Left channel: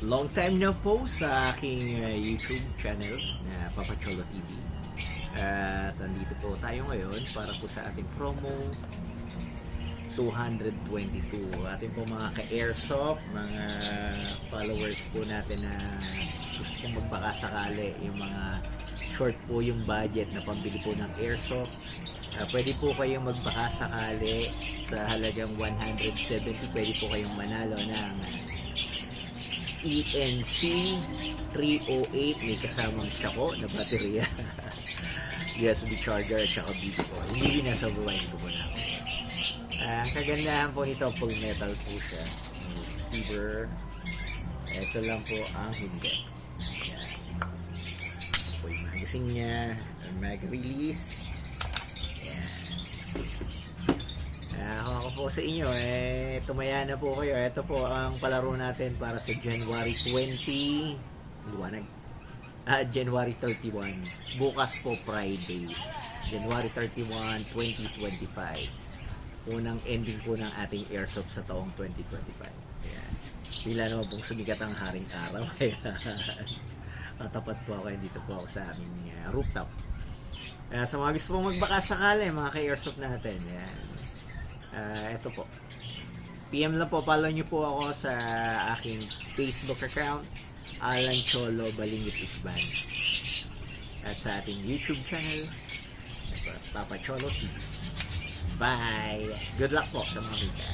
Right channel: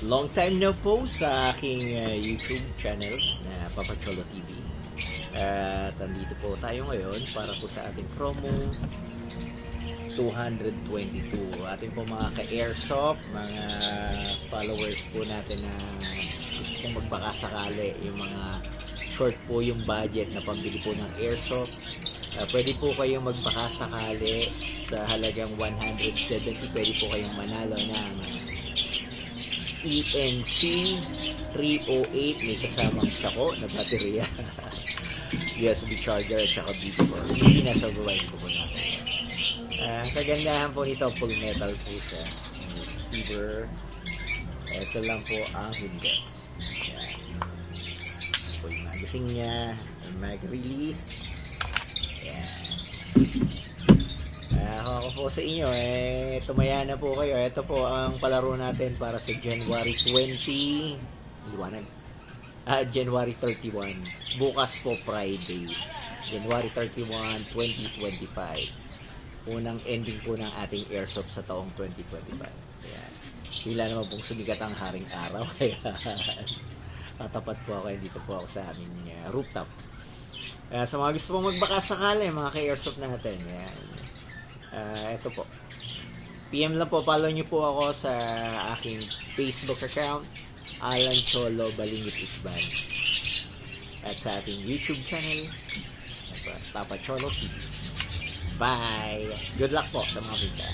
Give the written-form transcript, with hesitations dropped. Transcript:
Long time na po sa aking YouTube channel na Papa Cholo TV. At andito po tayo ngayon para po sa ating promo 222. Ating po mga ka-airsoft, mga followers po natin na gustong magbakasakali, yung mga short po yung budget na pambili po ng airsoft. Pwede po kayong magbakasakali sa halagang 170. Pwede po kayong manalo ng ENC 308, may kasamang tsako na baterya, USB charger at saka Bitcoin. Hindi nasa buwain ko muna ako. Ang kagandahan po nito, full metal po siya, receiver. Ito lang po ang hindi. Yan po yung magazine nya, mag-release. Yan. Ako po sa inyo, tumaya na po kayo. Ito po ang palaro natin para sa January 20. Liwanag. January 31. Bukas po Friday. January 31, 2025. Unang ending po ng ating airsoft sa taong 2025. Ayan. Pila naman pong sumikat ang haring araw. Tatapat po ako. Dito po ako sa aming rooftop. Sa mga gusto pong magbakasakali, mga ka-airsoft natin. Ayan. Ito po. PM lang po, follow nyo po ako sa aking Facebook account, Alan Cholo Balingit Isban. At sa ating YouTube channel, Papa Cholo TV. Bye! Good luck po sa mga mita.